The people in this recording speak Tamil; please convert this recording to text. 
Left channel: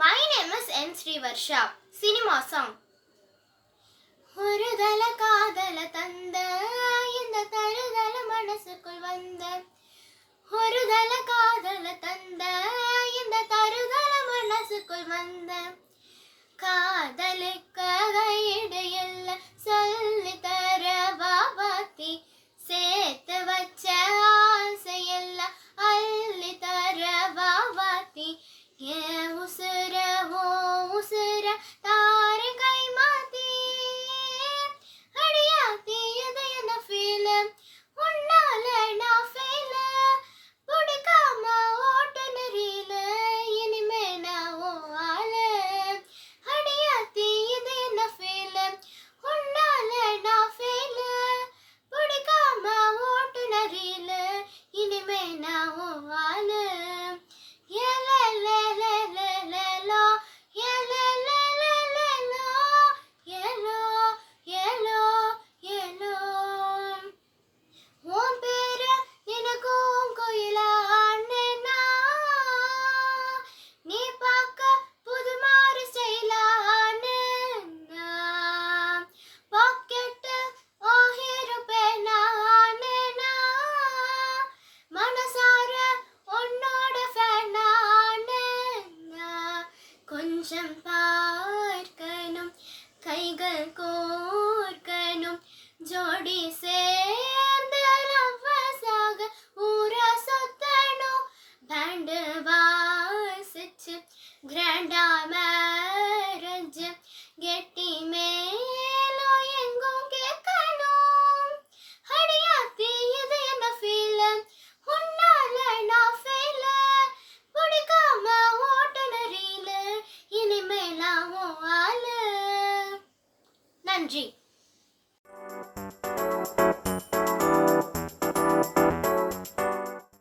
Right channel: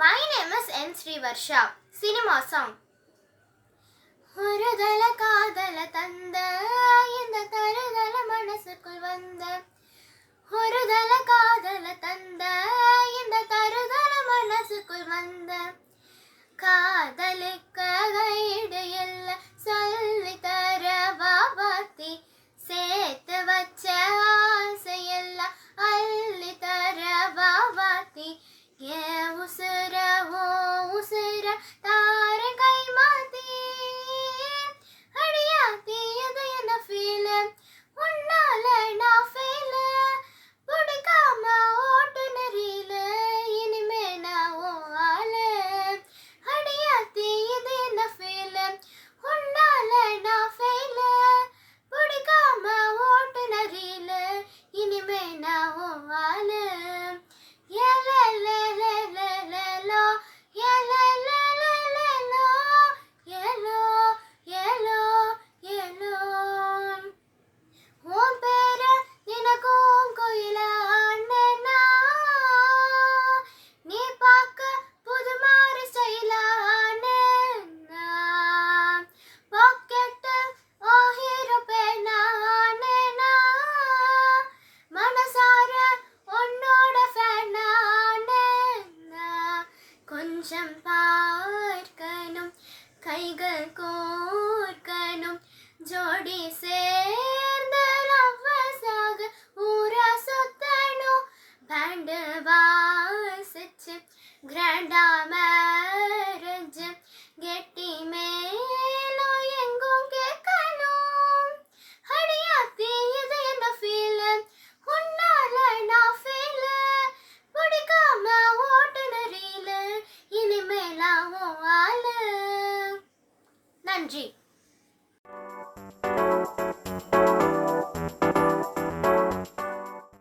My name is N. Srivarsha. Cinema song ஒரு தல காதல தந்த இந்த தருதல மனசுக்குள் வந்த. ஒரு தல காதல தந்த இந்த தருதல மனசுக்குள் வந்த. காதலுக்க கையிடையல்ல சொல்லி தர பாபாத்தி. சேர்த்து வச்ச ஆசையெல்லாம் அள்ளி தர பாபாத்தி. ஏ கொஞ்சம் பார்க்கணும் கைகள் கோர்க்கணும் ஜோடி சேர்ந்து ரவசாக ஊரா சுத்தணும் பேண்டு வாசிச்சு கிராண்டா நன்றி